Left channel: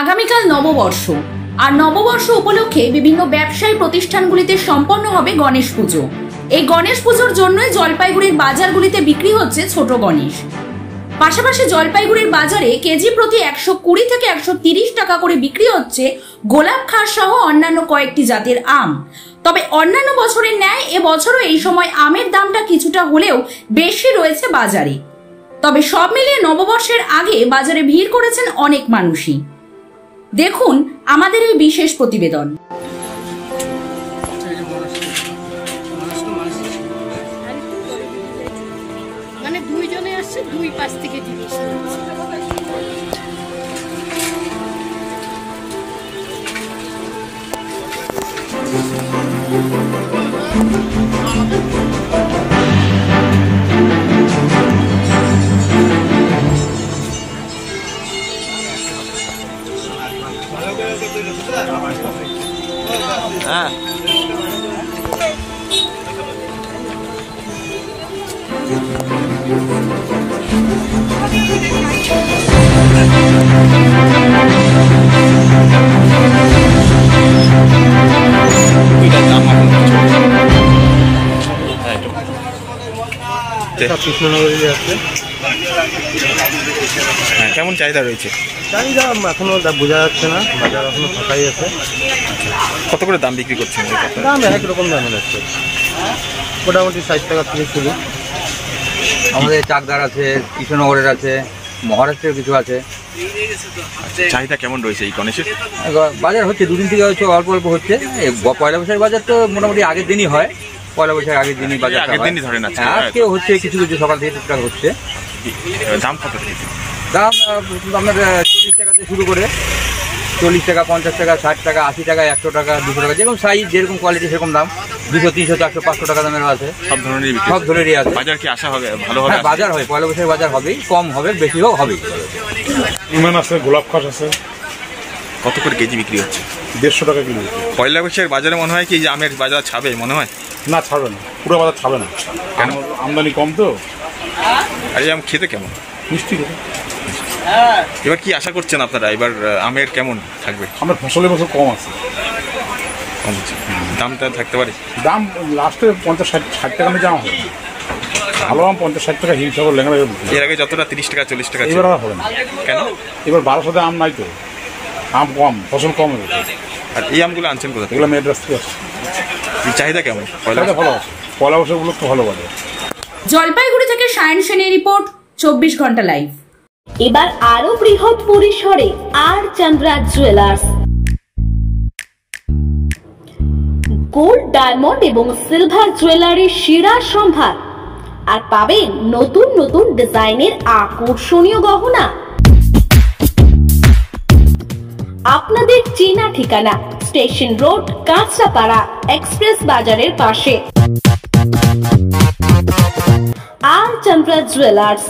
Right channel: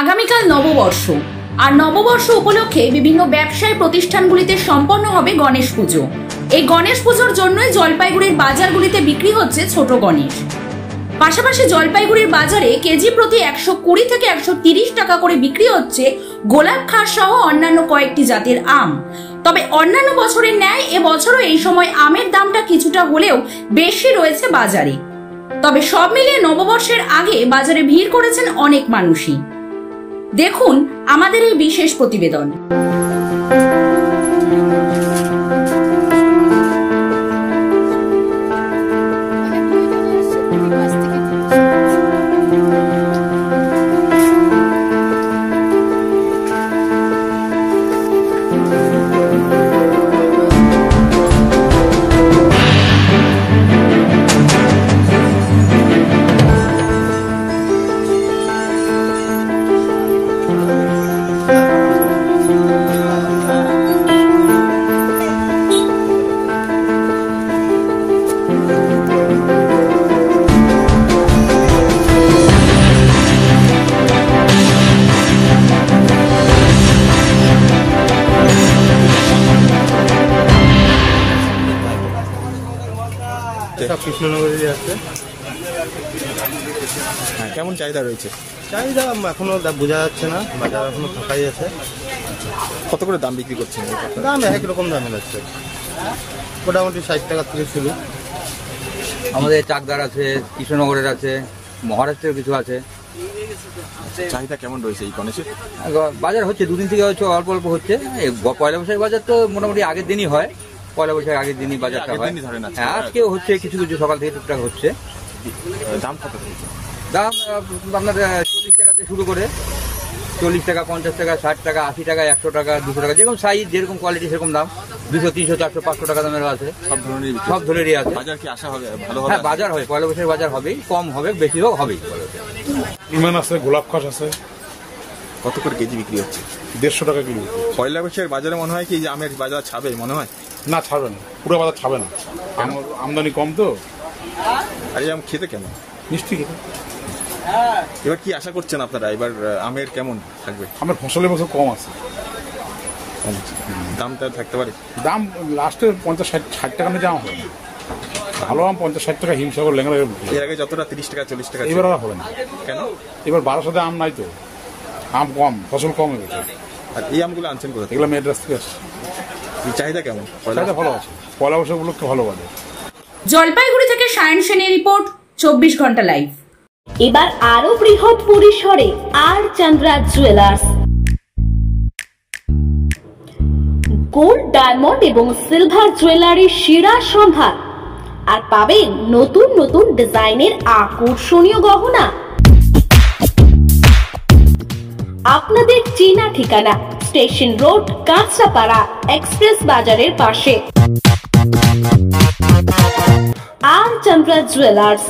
আগামীকাল নববর্ষ আর নববর্ষ উপলক্ষে বিভিন্ন ব্যবসায়ী প্রতিষ্ঠানগুলিতে সম্পন্ন হবে গণেশ পুজো। এই গণেশ পুজোর জন্যই জলপাইগুড়ির বাজারগুলিতে বিক্রি হচ্ছে ছোট গণেশ। পাশাপাশি জলপাইগুড়ির বাজারে কেজি প্রতি 120 থেকে 130 টাকা করে বিক্রি হচ্ছে গোলাপ খাস সহ অন্যান্য কয়েকটি জাতের আম। তবে অন্যান্য বছরের ন্যায় এবছরও এই সময় আমের দামটা কিছুটা হলেও বেশি রয়েছে বাজারে। তবে সব মিলিয়ে নববর্ষের আগে বাজারে ভিড় করেছেন অনেক মানুষই। দেখুন আমাদের এই বিশেষ প্রতিবেদন। কেমন চাহিদা রয়েছে? চাহিদা এখনো বোঝা যাচ্ছে না, বাজার এখনো ফাঁকাই আছে। কত করে দাম বিক্রি করছেন? দাম এক রকম দাম আছে, মোটামুটি 60 টাকা থেকে শুরু। আমাদের চাকদার আছে, কৃষ্ণনগরের আছে, মহারাষ্ট্রের কিছু আছে। চাহিদা কেমন রয়েছে এই গণেশের? বাজার হচ্ছে দুদিন থেকে হচ্ছে, অল্প অল্প হচ্ছে। পয়লা বৈশাখ বাজার তো মোটামুটি আগের দিনই হয়, পয়লা বৈশাখ আগের দিনই বাজার, আগের দিনই ধরেন। আজকে হচ্ছে কিছু কিছু সকাল থেকে টুকটাক হচ্ছে। দাম কত রয়েছে? দাম আপনার 40 টাকাতে শুরু করে 40 টাকা, 50 টাকা, 60 টাকা, 80 টাকা, 100 টাকা, 200 টাকা, যেরকম সাইজ যেরকম কোয়ালিটি সেরকম দাম। 200, 300, 400, 500 টাকা দামেরও আছে। সব ধরনেরই আছে। বাজার কি আশা হবে ভালো হবে? হ্যাঁ, বাজার হয়, পয়লা বৈশাখ বাজার হবেই, কম হবে বেশি হোক হবে। ইমান আছে, গোলাপ খাস আছে। কত করে কেজি বিক্রি হচ্ছে? 150 টাকা কিলো। পয়লা বৈশাখ বাজারে মনে হয় কি যে আমের বাজার ছাবে মনে হয়? না, ছাড়বে না, পুরো বাজার ছাড়বে না, আমদানি কম তো। আর এই আম খেতে কেমন? মিষ্টি। এবার কি আশা করছেন আপনারা, এবার আমের কেমন থাকবে? আমার ফসলের বছর কম আছে। দামটা থাকতে পারে? দাম লাস্টে 50-60 টাকা নিয়ে যাওয়া হবে। ভালো আম 50-60 টাকা হিমসাগর লেখা। এর আগে যতটা 30 টাকা 40 টাকা এবার আর হবে না। কেন? এবার 1200 আম নাই তো, আম কম, ফসল কম হবে। আর এই আমগুলো আনছেন কোথা থেকে? এগুলো মেয়ের রাস্তায় আসছে। চাহিদা কেমন? চাহিদা ভালো আছে, পয়লা বৈশাখগুলো তো ভালো বাজার। জলপাইগুড়ি থেকে সায়ন সেনের রিপোর্ট, 24 ঘন্টা লাইভ। এবার আরো বৃহৎ পরিসরে আর চন্দ্রা জুয়েলার্স। গোল্ড, ডায়মন্ড এবং সিলভার জুয়েলারির সেরা সম্ভার, আর পাবেন নতুন নতুন ডিজাইনের আকর্ষণীয় গহনা। আপনাদের চেনা ঠিকানা স্টেশন রোড, কাঁচরাপাড়া, এক্সপ্রেস বাজারের পাশে আর চন্দ্রা জুয়েলার্স।